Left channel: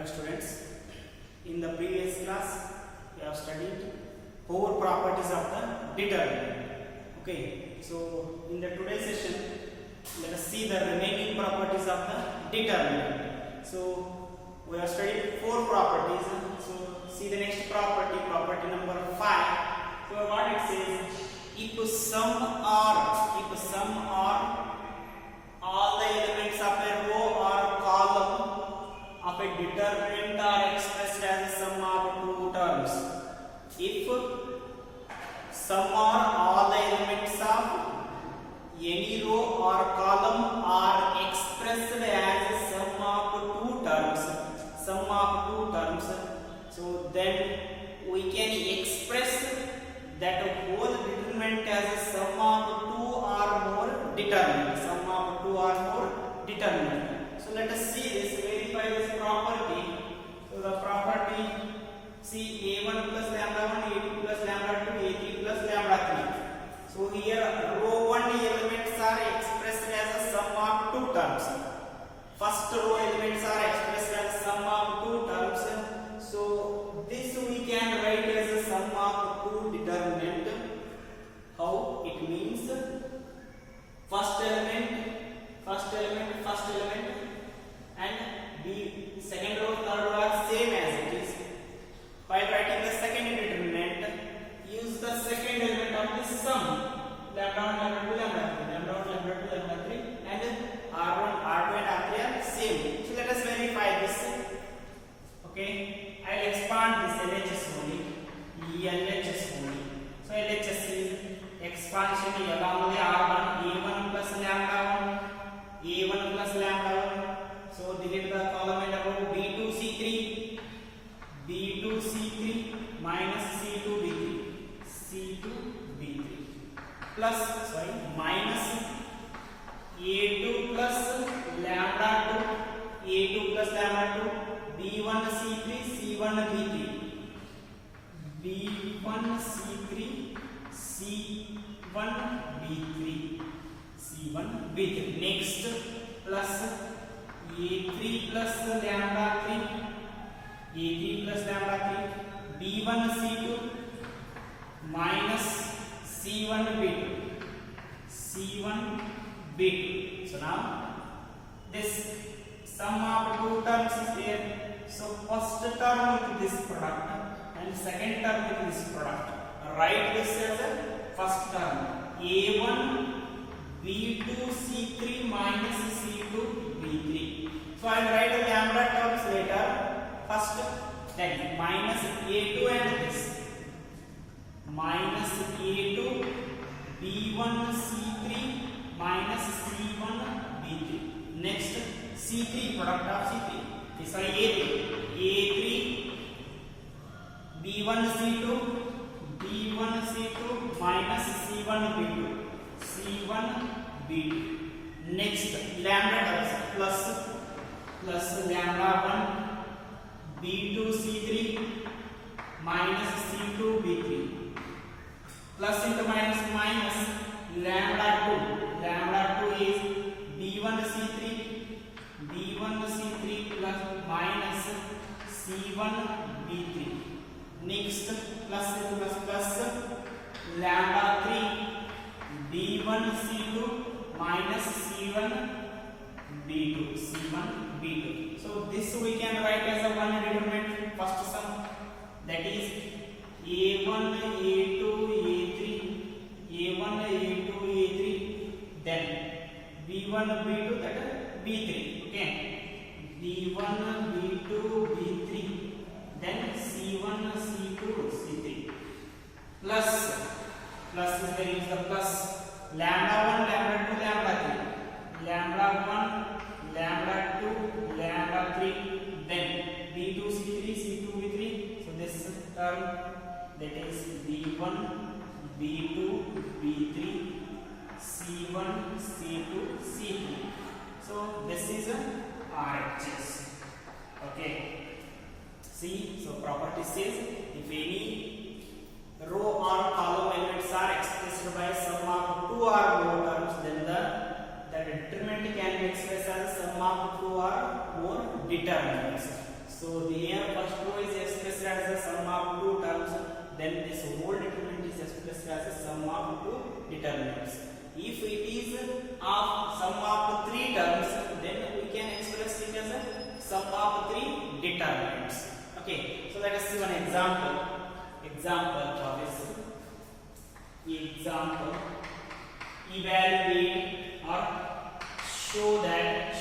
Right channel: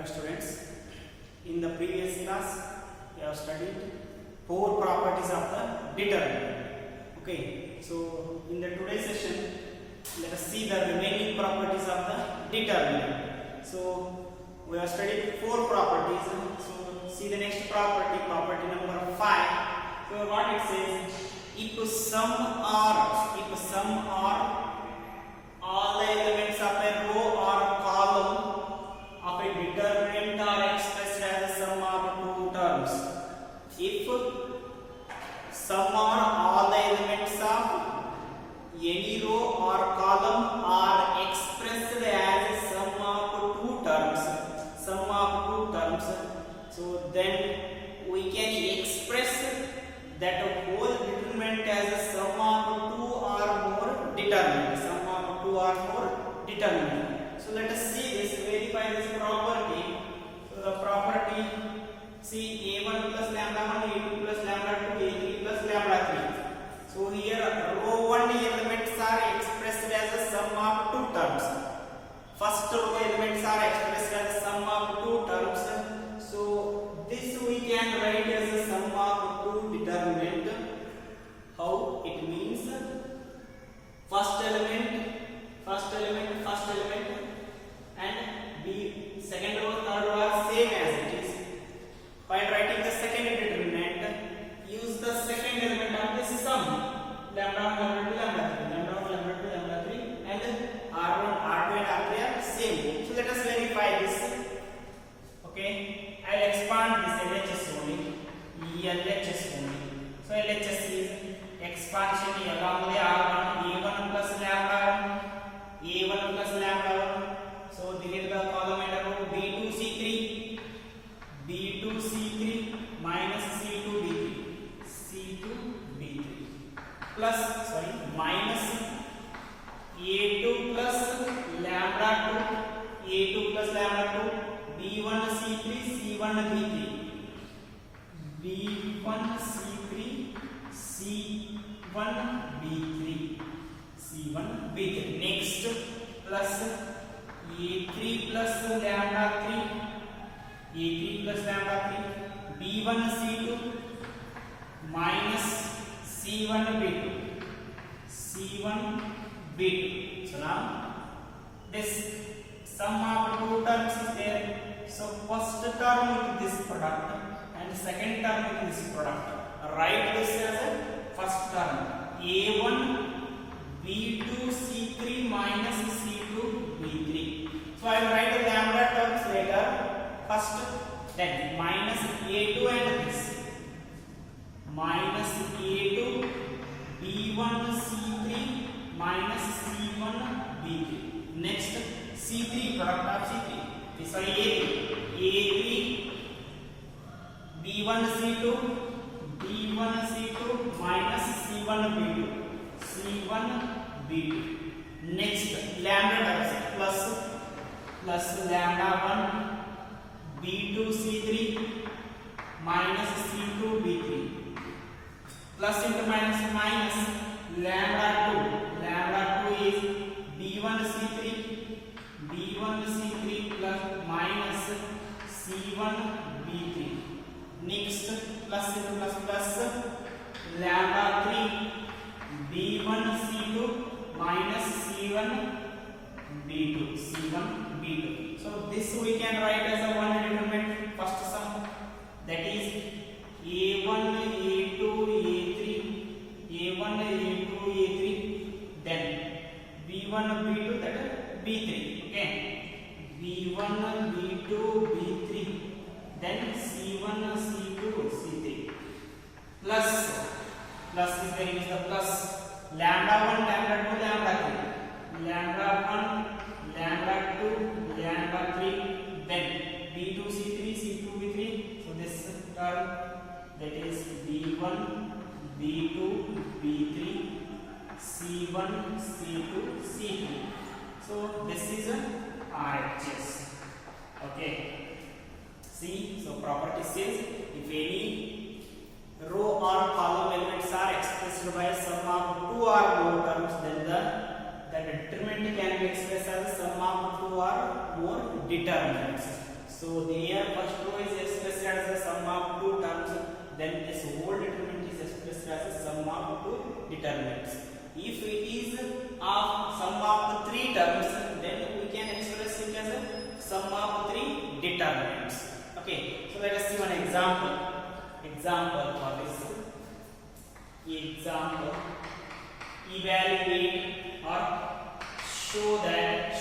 dear students. In the previous class, we have studied 4 properties of the determinant. Okay, so in the today's session, let us see the remaining properties of the determinant. So we have studied 4 properties. So see the next property, property number 5. So what it says, if sum or all the elements of a row or column of a determinant are expressed as a sum of two terms. If sum or all the elements of any row or column are expressed as a sum of two terms, so then we can express that whole determinant as a sum of two or more determinant. So let us see this, verify this property. So the property, see a1 plus lambda 1, a2 plus lambda 2, a3 plus lambda 3. So here row 1 elements are expressed as a sum of two terms. First row elements are expressed as a sum of two terms. So this we can write as a sum of two determinant. How it means? First element, and the second row, third row are same as it is. By writing the second determinant, use the second element of this sum. Lambda 1, lambda 2, lambda 3, lambda 1, lambda 2, lambda 3, and R1, R2 and R3 are same. So let us verify this. Okay, I will expand this LHS only, LHS only. So LHS is expansion along the R1, A1 plus lambda 1, A1 plus lambda 1. So delete the column and about B2C3, B2C3 minus C2B3 plus minus A2 plus lambda 2, A2 plus lambda 2, B1C3 C1B3, B1C3 C1B3. Next plus A3 plus lambda 3, B1C2 minus C1B2. So now this sum of two terms is there. So first term with this product and second term with this product. Write this as a first term, A1 B2 C3 minus C2 B3. So I will write the lambda terms later. First, then minus A2 and this minus A2 B1 C3 minus C1 B3. Next, C3 product of C3. Sorry, A3 B1 C2 minus C1 B2. Next, lambda plus lambda 1 B2 C3 minus C2 B3 plus into minus lambda 2 is B1 C3 plus minus C1 B3. Next, plus into plus lambda 3 B1 C2 minus C1 B2. So this we can write as a one determinant first sum, that is A1 A2 A3, then B1 B2, that is B3. Okay, B1 B2 B3, then C1 C2 C3 plus is the plus lambda 1 lambda 2 lambda 3, lambda 1 lambda 2 lambda 3, then B2 C3 C2 B3. So this term, that is B1 B2 B3 C1 C2 C3. So this is a RHS. Okay, see, so property says if any row or column elements are expressed by sum of two or more terms, then the determinant can be expressed as sum of two or more determinants. So there first row is expressed as the sum of two terms, then this whole determinant is expressed as the sum of two determinants. If it is of sum of three terms, then we can express it as a sum of three determinants. Okay, so let us see one example. Example for this. Example, evaluate or show that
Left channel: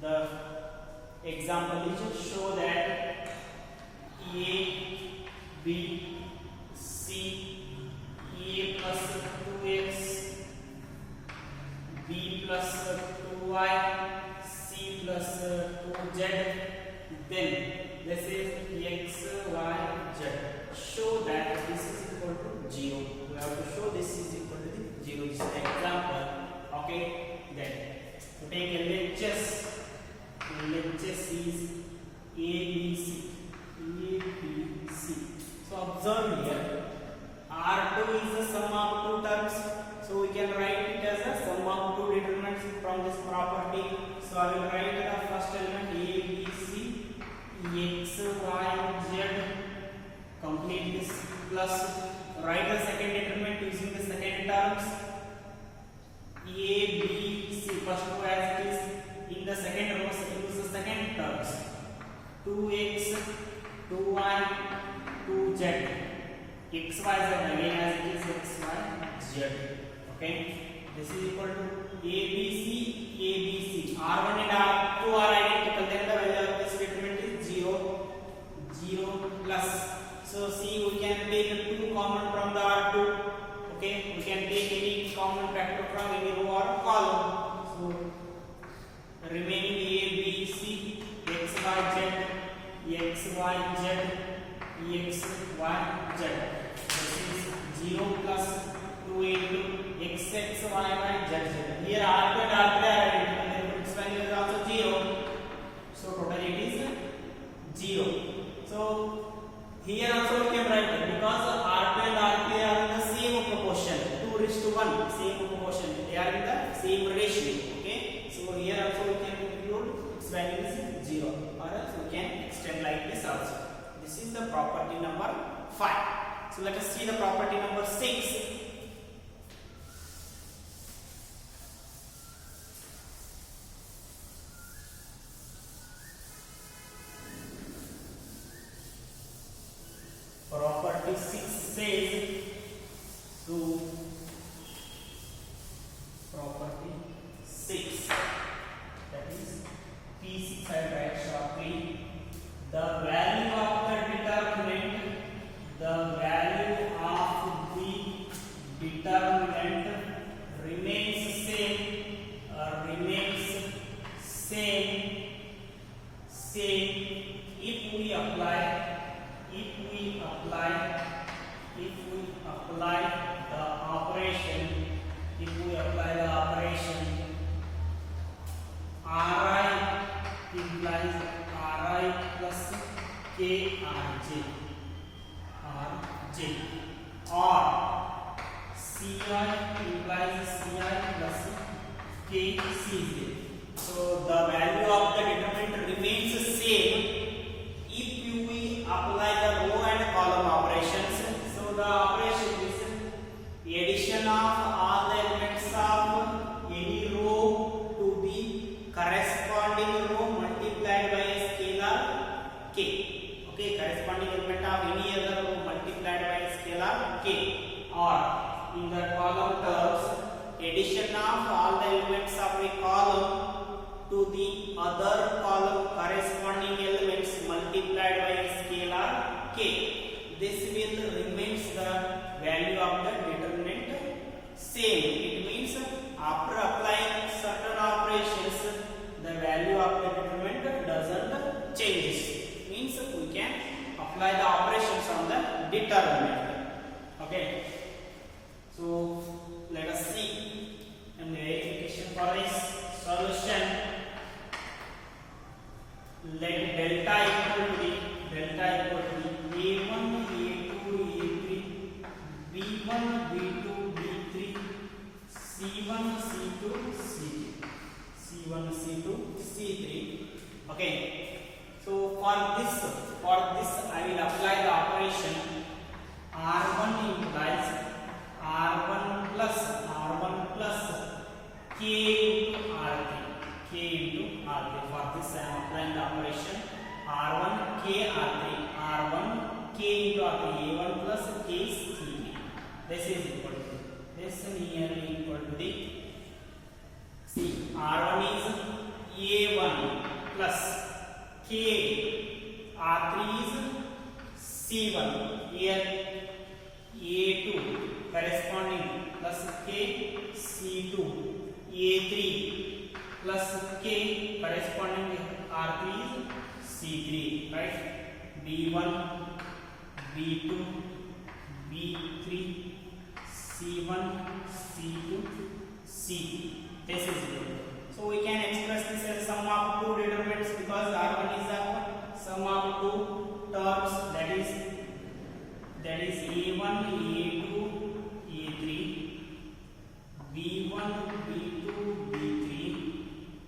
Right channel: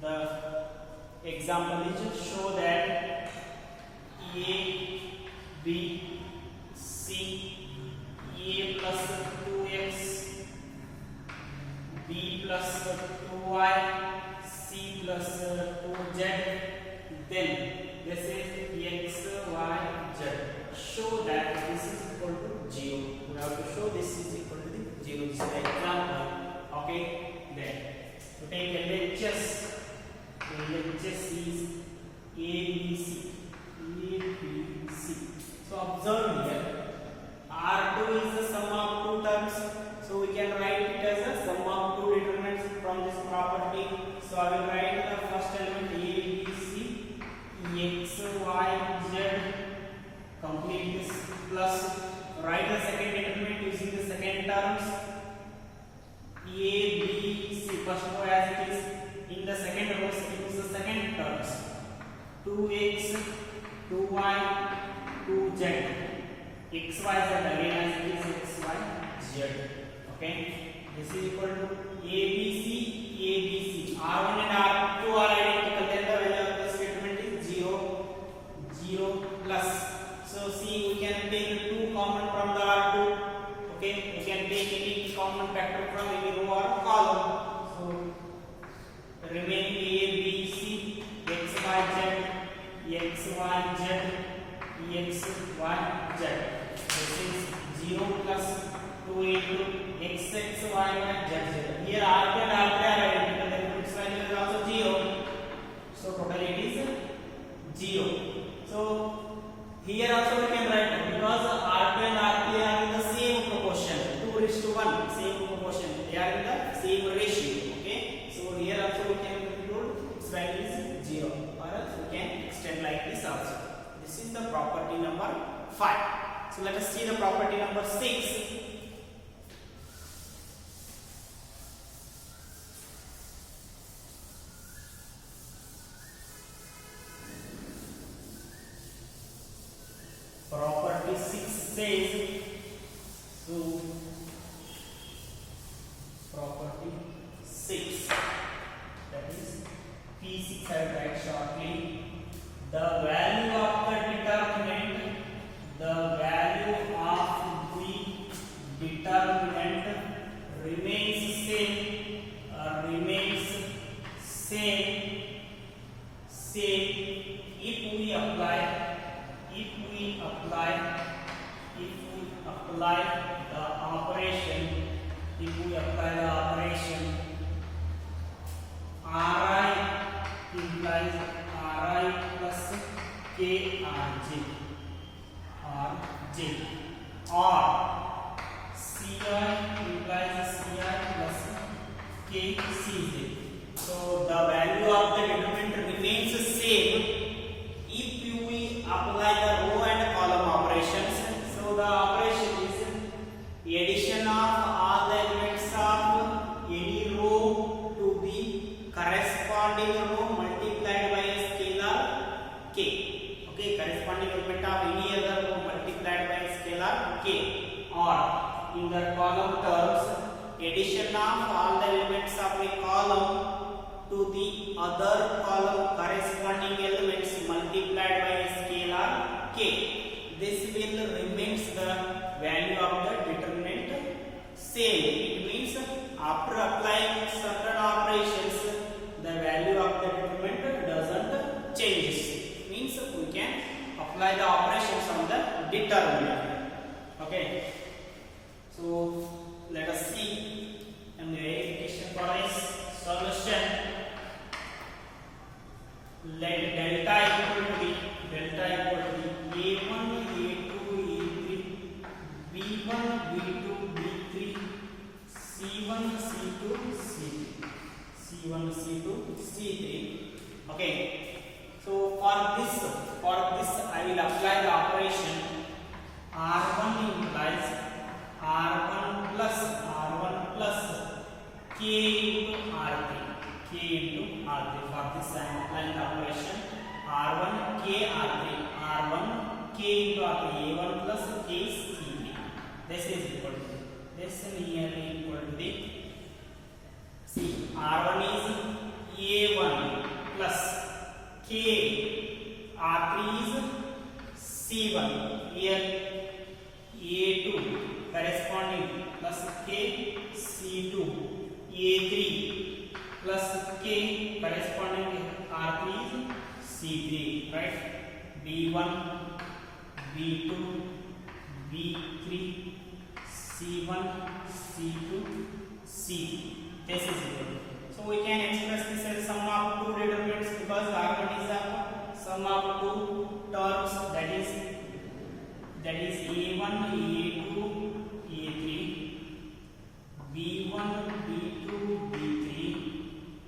the example is show that A, B, C, A plus 2x, B plus 2y, C plus 2z, then this is x, y, z. Show that this is equal to 0. We have to show this is equal to the 0. This is the example. Okay, then to take LHS. LHS is ABC. So observe here, R2 is the sum of two terms. So we can write it as a sum of two determinants from this property. So I will write the first element A, B, C, X, Y, Z. Complete this plus. Write the second determinant using the second terms. A, B, C. First row as it is. In the second row, use the second terms. 2x, 2y, 2z. X, y, z again as it is x, y, z. Okay. This is equal to ABC, ABC. R1 and R2 are identical. Then the value of this determinant is 0, 0 plus. So see, we can take 2 common from the R2. Okay. We can take any common factor from any row or column. So remaining A, B, C, X, Y, Z, X, Y, Z, X, Y, Z. This is 0 plus 2 into X, X, Y, Y, Z, Z. Here R2 and R3 are identical. Therefore, its value is also 0. So totally it is 0. So here also we can write that because R2 and R3 are in the same proportion, 2:1, same proportion. They are in the same ratio. Okay. So here also we can conclude its value is 0, or else we can extend like this also. This is the property number 5. So let us see the property number 6. Property 6 says, so property 6, that is P6 I will write shortly. The value of the determinant, remains same if we apply the operation Ri implies Ri plus Krj or Ci implies Ci plus Kcj. So the value of the determinant remains same if we apply the row and column operations. So the operation is addition of all the elements of any row to the corresponding row multiplied by a scalar k. Okay, corresponding element of any other row multiplied by a scalar k, or in the column terms, addition of all the elements of a column to the other column corresponding elements multiplied by a scalar k. This will remains the value of the determinant same. It means after applying certain operations, the value of the determinant doesn't change. Means we can apply the operations on the determinant. Okay. So let us see a verification for this solution. Let delta equal to A1, A2, A3, B1, B2, B3, C1, C2, C3. Okay. So for this I will apply the operation R1 implies R1 plus K into R3. For this I am applying the operation R1 K R3. R1 K into R3. A1 plus K is C. This is equal to this nearly equal to the C. R1 is A1 plus K. R3 is C1. Here A2 corresponding plus K C2. A3 plus K corresponding R3 is C3. Right? B1, B2, B3, C1, C2, C3. This is equal. So we can express this as sum of two determinants because R1 is the sum of two terms, that is A1, A2, A3, B1, B2, B3,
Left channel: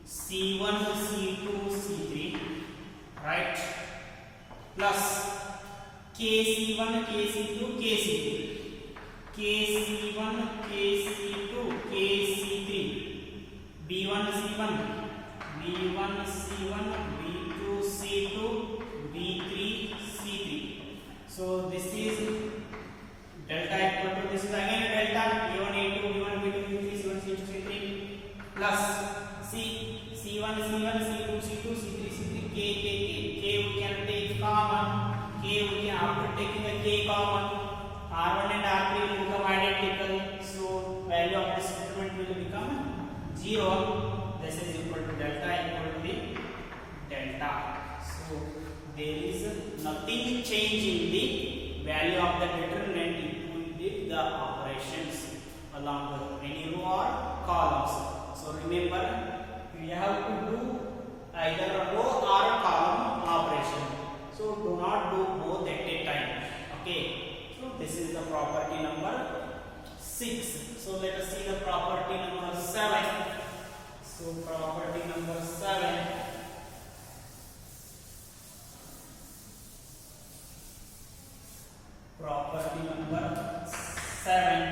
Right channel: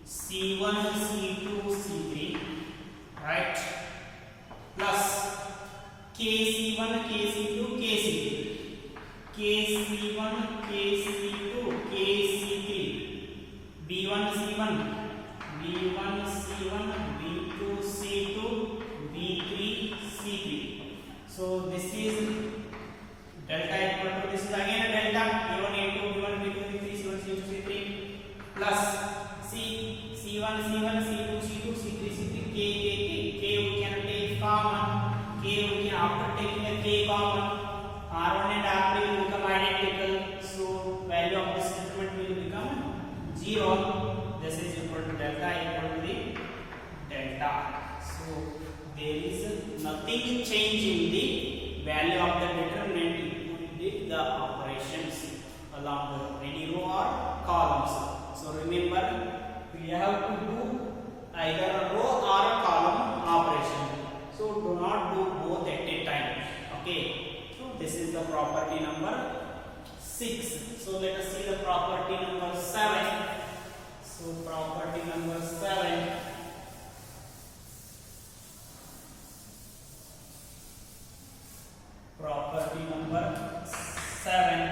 C1, C2, C3, right? Plus KC1, KC2, KC3, KC1, KC2, KC3, B1, C1, B1, C1, B2, C2, B3, C3. So this is delta equal to this is again a delta A1, A2, B1, B2, B3, C1, C2, C3 plus C1, C1, C2, C2, C3, C3, K we can take common. K we can after taking a K common. R1 and R3 will become identical. So value of this determinant will become 0. This is equal to delta equal to the delta. So there is nothing change in the value of the determinant if we did the operations along the any row or columns. So remember we have to do either a row or a column operation. So do not do both at a time. Okay. So this is the property number 6. So let us see the property number 7. So property number 7. Property number 7.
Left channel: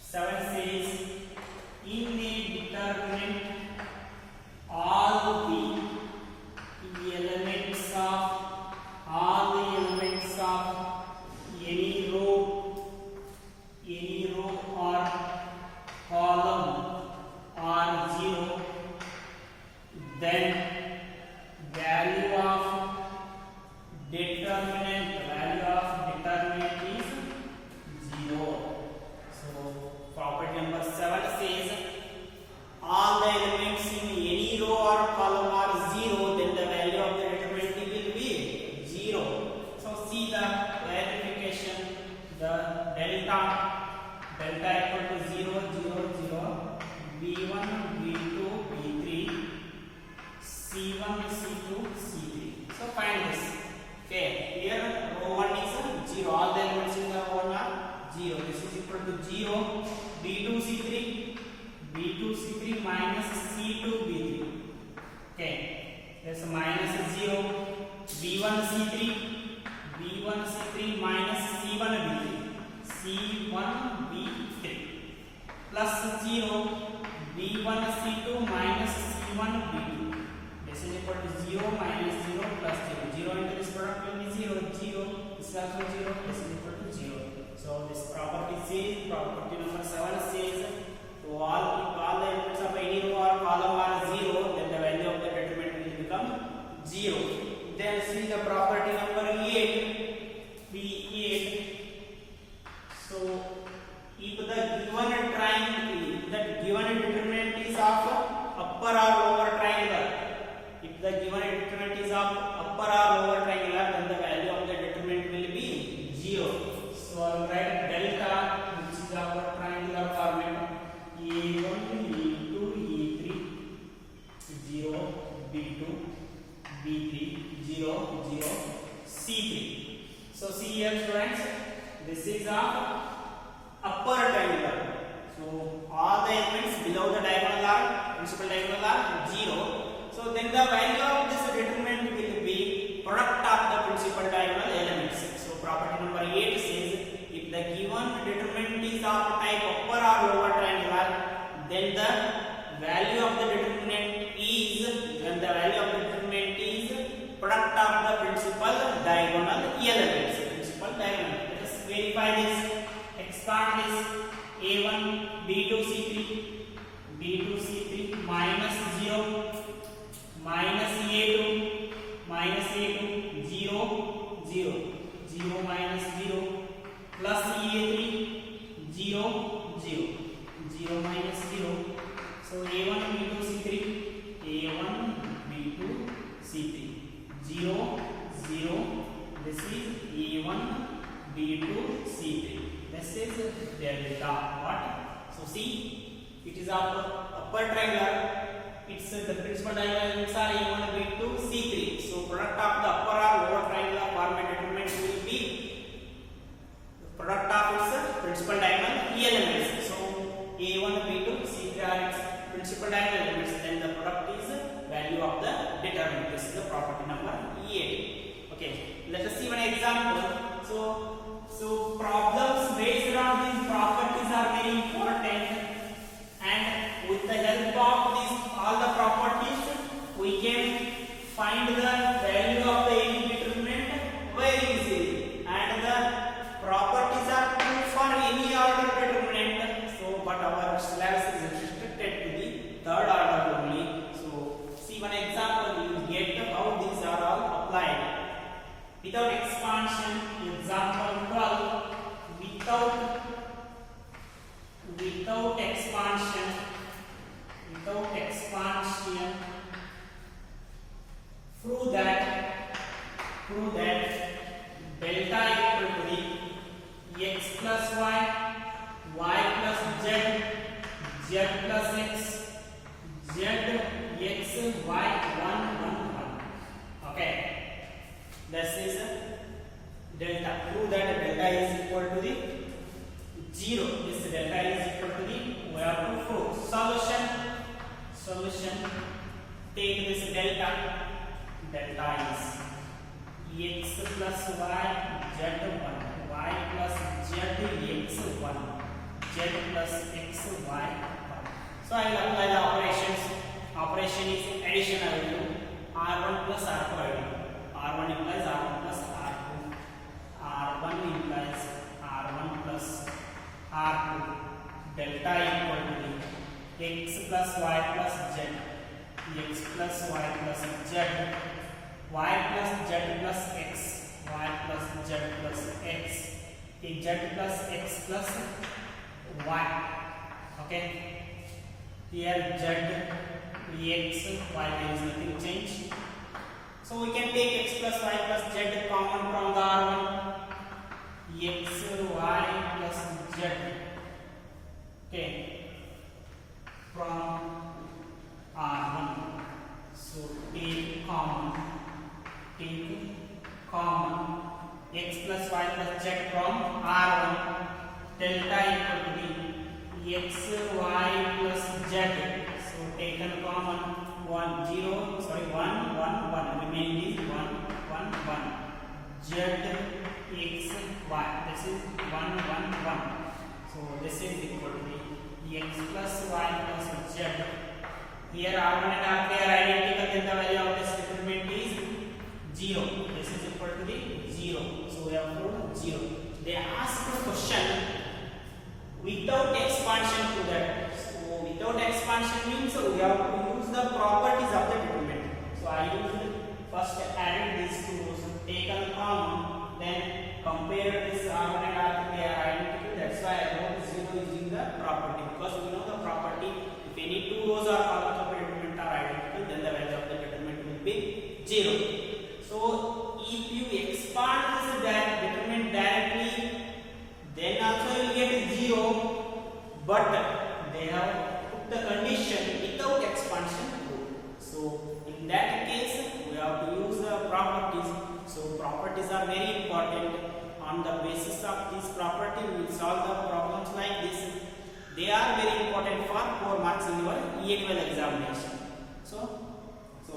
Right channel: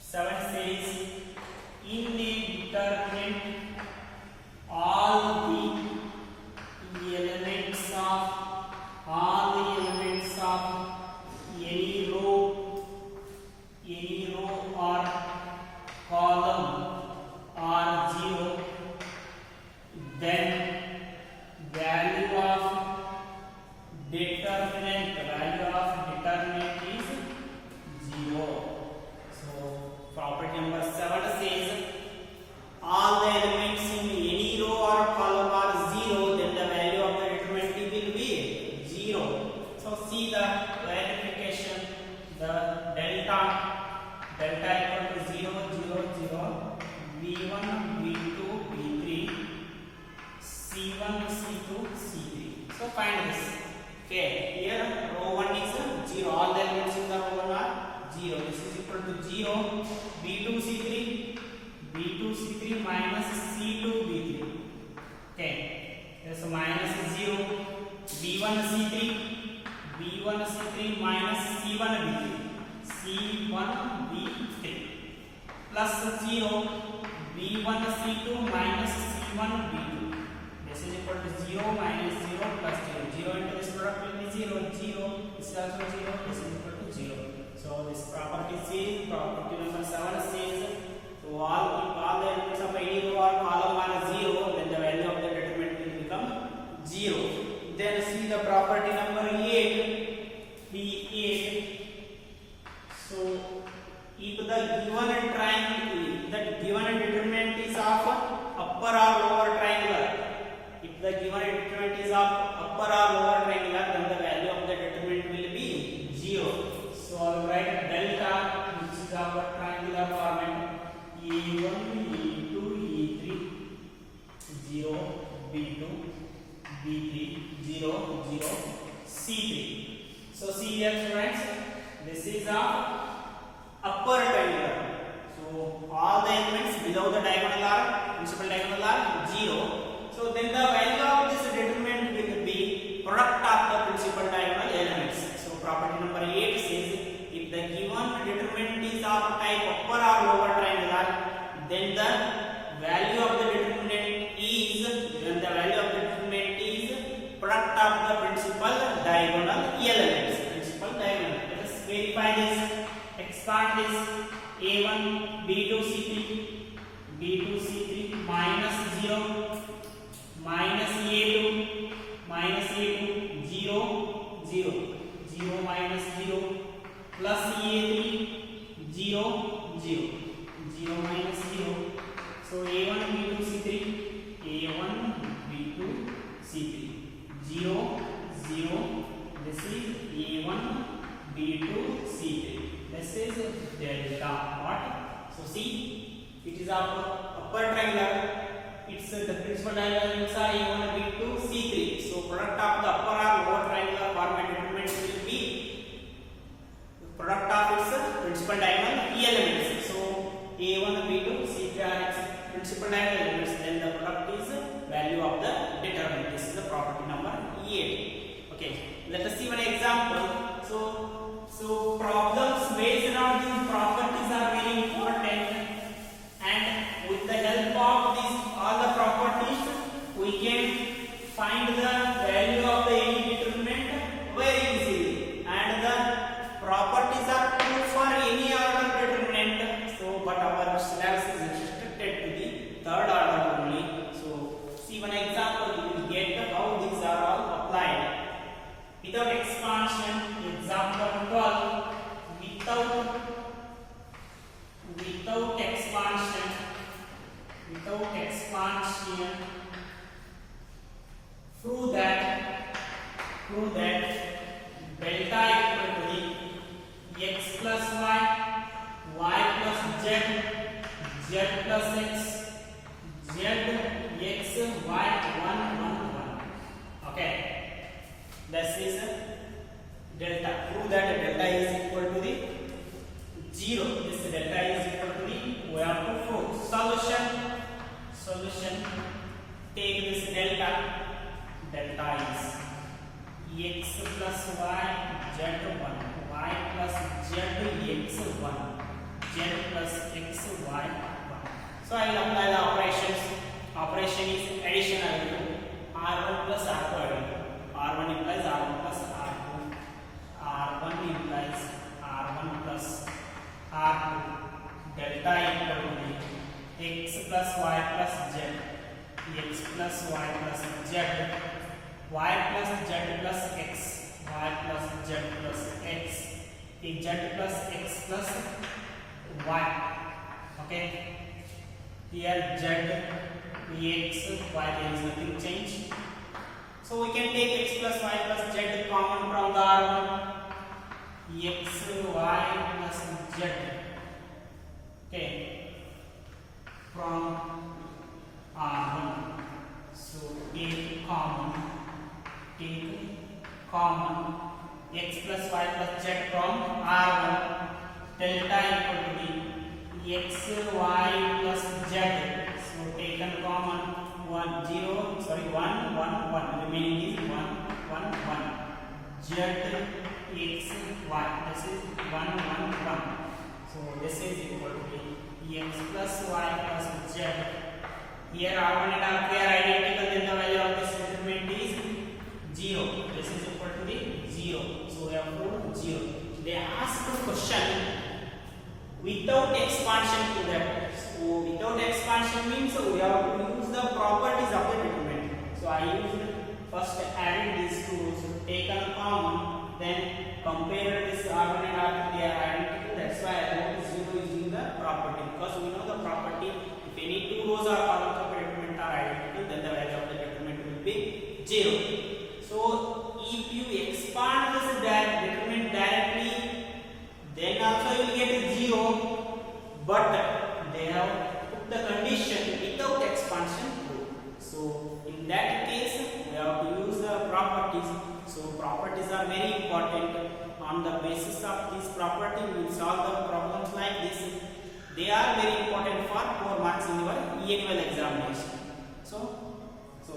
7 says in a determinant all the elements of any row or column are 0, then value of determinant is 0. So property number 7 says all the elements in any row or column are 0, then the value of the determinant will be 0. So see the verification, the delta equal to 0, 0, 0, B1, B2, B3, C1, C2, C3. So find this. Okay, here row 1 is 0, all the elements in the row 1 are 0. This is equal to 0, B2, C3 minus C2, B3. Okay, there's minus 0, B1, C3 minus C1, B3 plus 0, B1, C2 minus C1, B2. This is equal to 0 minus 0 plus 0. 0 into this product will be 0, 0. This is also 0, this is equal to 0. So this property says, property number 7 says, so if all the elements of any row or column are 0, then the value of the determinant will become 0. Then see the property number 8, P8. So if the given triangle, that given determinant is of upper or lower triangular, if the given determinant is of upper or lower triangular, then the value of the determinant will be 0. So I will write delta, which is our triangular format, A1, A2, A3, 0, B2, B3, 0, 0, C3. So see here students, this is a upper triangular. So all the elements below the diagonal are principal diagonal are 0. So then the value of this determinant will be product of the principal diagonal elements. So property number 8 says if the given determinant is of type upper or lower triangular, then the value of the determinant is product of the principal diagonal elements. Principal diagonal. Let us verify this. Expand this. A1 B2 C3 minus 0 minus A2 0 minus 0 plus A3 0 minus 0. So A1 B2 C3 0 this is A1 B2 C3. This is delta. What? So see, it is our upper triangular. It's the principal diagonal elements are A1 B2 C3. So product of the upper or lower triangular format determinant will be the product of its principal diagonal elements. So A1 B2 C3 are its principal diagonal elements. Then the product is value of the determinant. This is the property number 8. Okay, let us see one example. So problems based on these properties are very important, and with the help of these all the properties we can find the value of the any determinant very easily, and the properties are true for any order determinant. So but our syllabus is restricted to the third order only. So see one example, you will get how these are all applied. Without expansion, example 12, without expansion, prove that delta equal to the x plus y plus z plus x, y 1 1 1. Okay. This is delta. Prove that delta is equal to the 0. This delta is equal to the, we have to prove. Solution. Take this delta. Delta is x plus y z 1, y plus z x 1, z plus x y 1. So I will apply the operations. Operation is addition. I will do r1 plus r2. R1 implies R1 plus R2. R1 implies R1 plus R2. Delta equal to the x plus y plus z. X plus y plus z. Y plus z plus x. Y plus z plus x. Z plus x plus y. Okay. Here z, x, y, there is nothing change. So we can take x plus y plus z common from the R1. X, y plus z. Okay. From R1. So take common. X plus y plus z from R1. Delta equal to the x, y plus z. So taken common. 1 0 sorry 1 1 1 remaining is 1 1 1 z x y, this is 1 1 1. So this is equal to the x plus y plus z. Here R1 and R2 are identical, then the value of this determinant is 0. This is equal to the 0. So we have proved 0. They asked the question without expansion to that. So without expansion means we have to use the properties of the determinant. So I used first added these two rows, taken common, then compared this R1 and R2, they are identical. That's why I wrote 0 using the property, because we know the property, if any two rows or columns of a determinant are identical, then the value of the determinant will be 0. So if you expand this determinant directly, then also you will get 0, but they have put the condition without expansion true. So in that case we have to use the properties. So properties are very important. On the basis of this property we will solve the problems like this. They are very important for 4 marks in your annual examination. So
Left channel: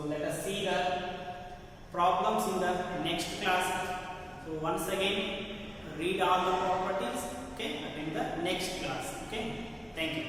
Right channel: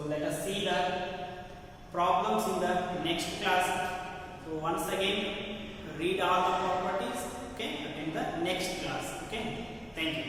let us see the problems in the next class. So once again, read all the properties. Okay, attend the next class. Okay, thank you.